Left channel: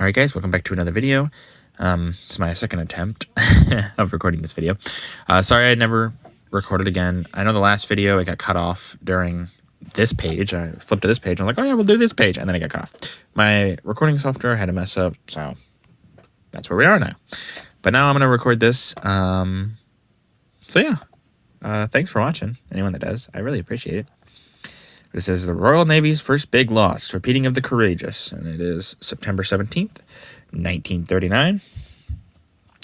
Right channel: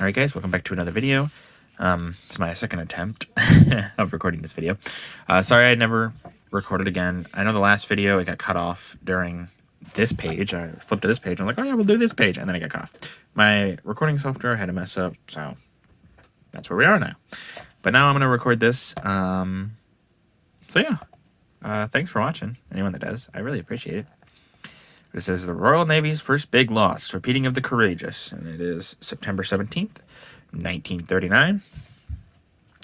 Alright guys, welcome back to another video. It's my second attempt of recording this video. Sorry I never recorded again. I know the last video it got cut off during this page. I flipped to this page and I'm like, oh yeah, we'll do this page, and then it got cut off. My recording software had a mess up, so that's where we are now. But now I'm going to record this. So yeah, thanks for watching, anyone that does. I really appreciate it. This is the Royal Navy's first big loss, repeating of the Courageous, and it is September 17th, 1939.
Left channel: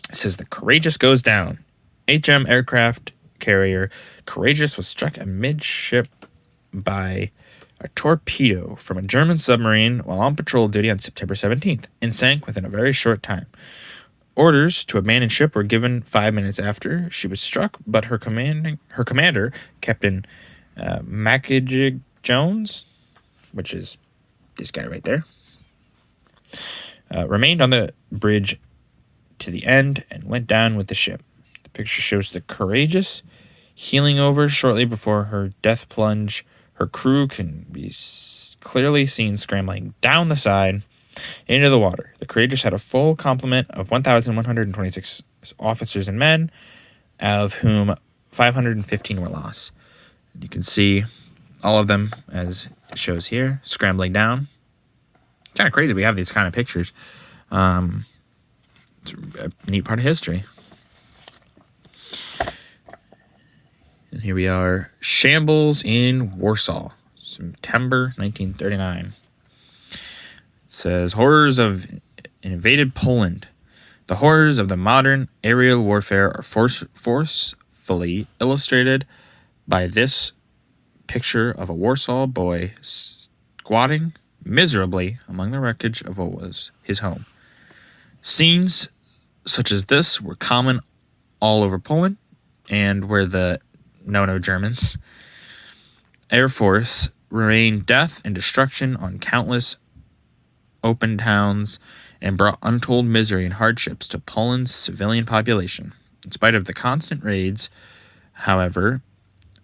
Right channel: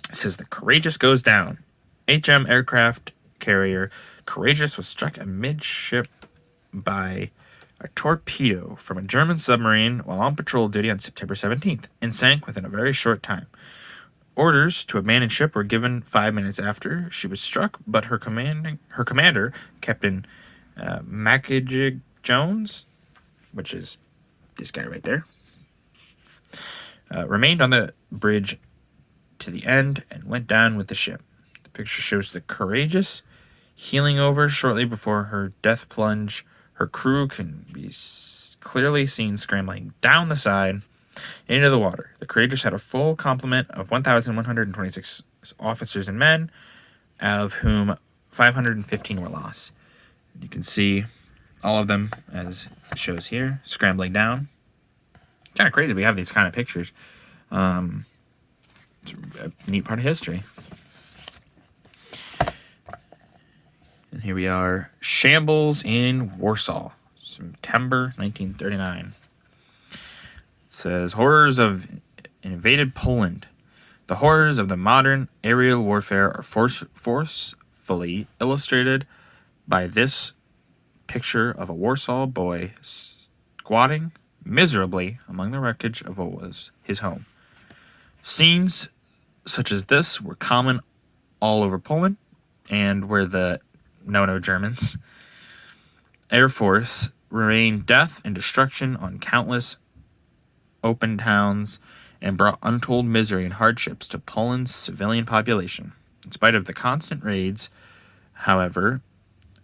It says the Courageous goes down. HM aircraft carrier Courageous was struck amidship by a torpedo from a German submarine while on patrol duty on September 17th and sank within a very short time. Orders to abandon ship were given 5 minutes after she was struck, but her commander, Captain Mackenzie Jones, which is this guy right there, remained on the bridge to the end and went down with the ship. The picture shows the Courageous heeling over shortly before her death plunge. Her crew can be clearly seen scrambling down the side into the water. The Courageous had a full complement of 1,126 officers and men, of whom 515 were lost. You can see all of them, as it shows here, scrambling down. It's kind of crazy we have these kind of pictures. It's a neat part of history. And here we are. Shambles in Warsaw, September 1939. It says, horrors of invaded Poland. The horrors of the modern aerial warfare are forcefully illustrated by this picture of a Warsaw boy squatting miserably among the wreckage of what was his home. Scenes such as this were common all over Poland, and where the no Germans Air Force rained death and destruction on countless open towns and brought untold misery and hardships to Poland's civilian population. In spite of the constant raids, however,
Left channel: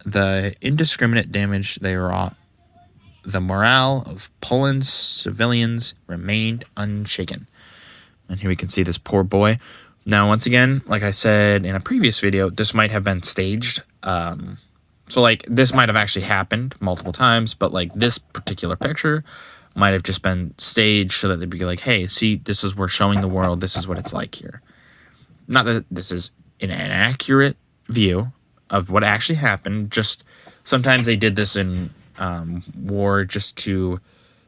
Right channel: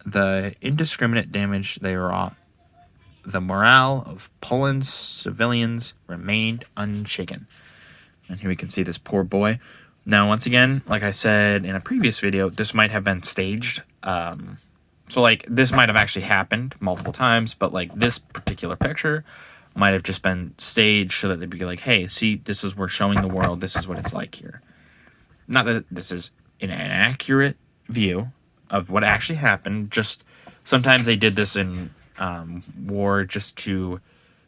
the indiscriminate damage they wrought, the morale of Poland's civilians remained unshaken. And here we can see this poor boy. Now, once again, like I said in a previous video, this might have been staged. So, like, this might have actually happened multiple times, but, like, this particular picture might have just been staged so that they'd be like, hey, see, this is, we're showing the world, this is what it's like here. Not that this is an accurate view of what actually happened, just sometimes they did this in war just to,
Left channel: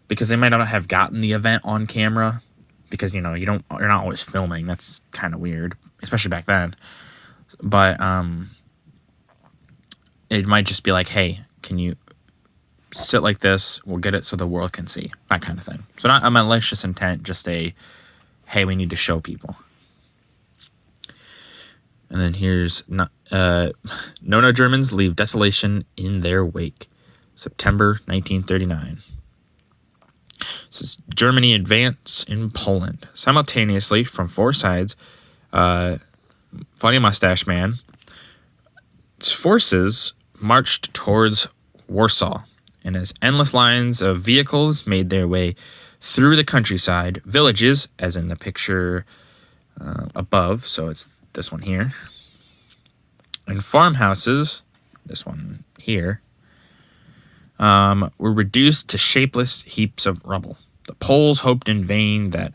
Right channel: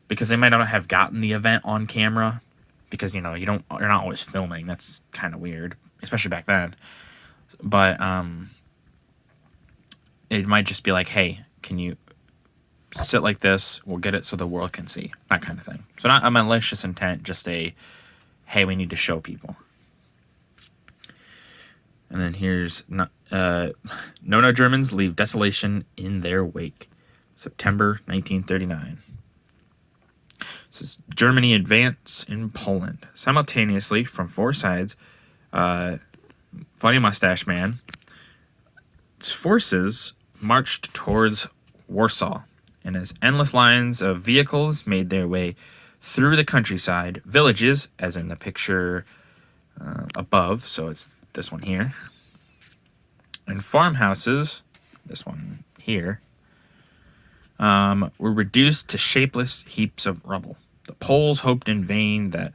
because they might not have gotten the event on camera, because, you know, you're not always filming. That's kind of weird, especially back then. But it might just be like, hey, can you sit like this? We'll get it so the world can see, that kind of thing. So not a malicious intent, just a, hey, we need to show people. And then here's no Germans leave desolation in their wake. September 1939. This is Germany advance in Poland. Simultaneously, from four sides, Funny Mustache Man's forces marched towards Warsaw. And as endless lines of vehicles made their way through the countryside, villages, as in the picture above, so it's this one here, and farmhouses, this one here, were reduced to shapeless heaps of rubble. The Poles hoped in vain that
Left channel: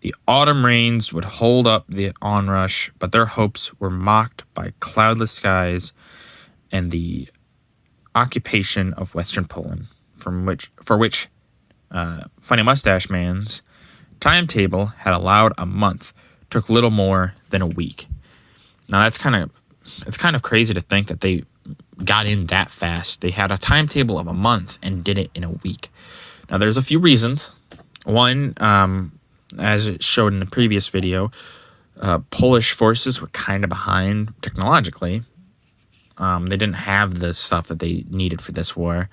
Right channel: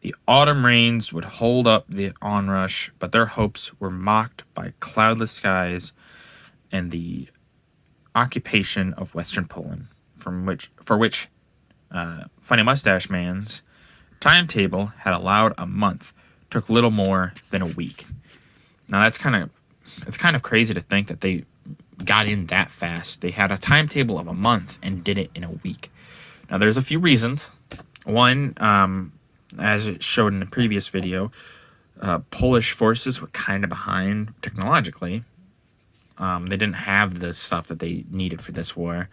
the autumn rains would hold up the onrush, but their hopes were mocked by cloudless skies and the occupation of Western Poland, for which Funny Mustache Man's timetable had allowed a month, took little more than a week. Now it's kind of crazy to think that they got in that fast. They had a timetable of a month and did it in a week. Now there's a few reasons. One, as it showed in the previous video, Polish forces were kind of behind technologically. They didn't have the stuff that they needed for this war.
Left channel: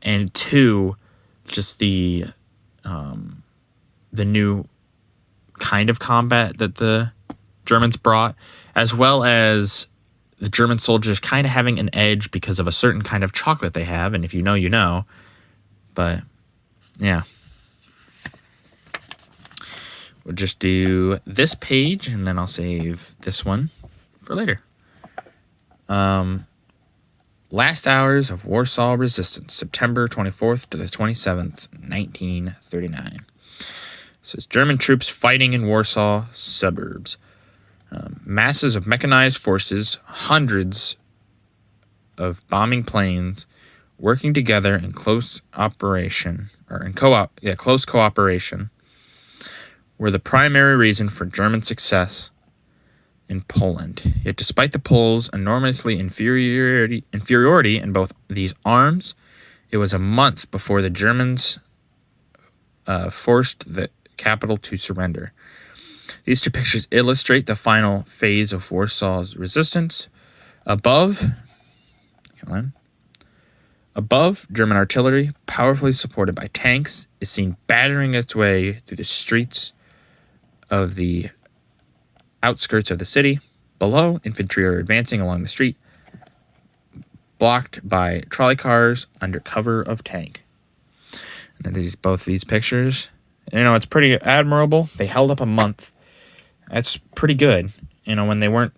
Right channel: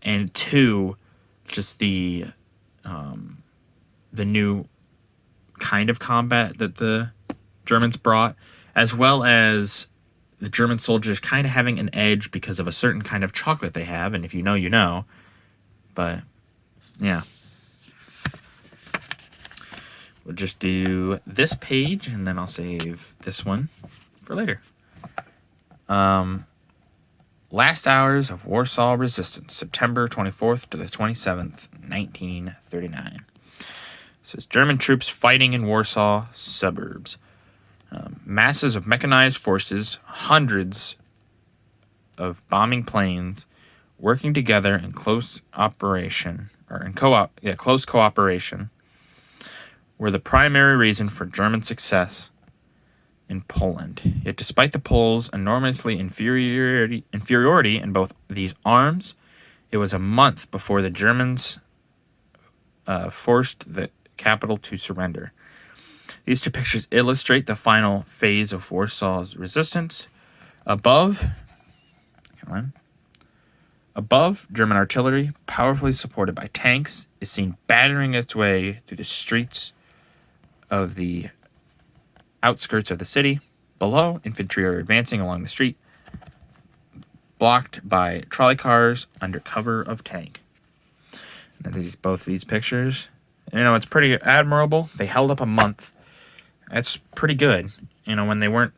And two, just the new kind of combat that the Germans brought, as well as the German soldiers kind of having an edge because of a certain kind of chocolate they have. And if you know, you know. But, yeah. We'll just do this page, and then I'll save this one for later. Last hours of Warsaw resistance, September 24th to the 27th, 1939. It says German troops fighting in Warsaw suburbs. Masses of mechanized forces, hundreds of bombing planes, working together in close cooperation, were the primary reason for German success in Poland. Yet despite the Poles' enormously inferiority in both these arms, it was a month before the Germans forced the capital to surrender. These two pictures illustrate the final phase of Warsaw's resistance. Above, German artillery, powerfully supported by tanks, is seen battering its way through the streets of the outskirts of the city. Below, infantry are advancing along the street, blocked by trolley cars under cover of tank. And both these pictures, it's pretty admirable. They held up a month. That's pretty good. When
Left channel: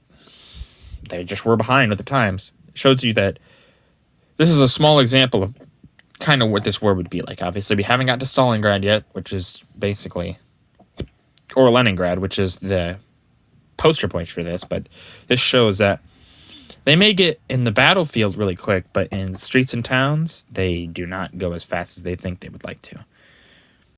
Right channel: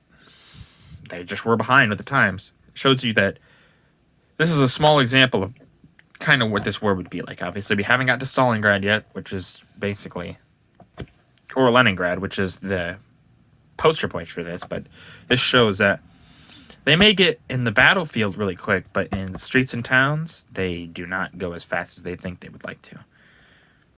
they just were behind with the times. It shows you that this is a small example of kind of what this war would be like. Obviously, we haven't got to Stalingrad yet, which is basically, or Leningrad, which is the poster point for this, but this shows that they may get in the battlefield really quick, but in the streets and towns, they do not go as fast as they think they would like to.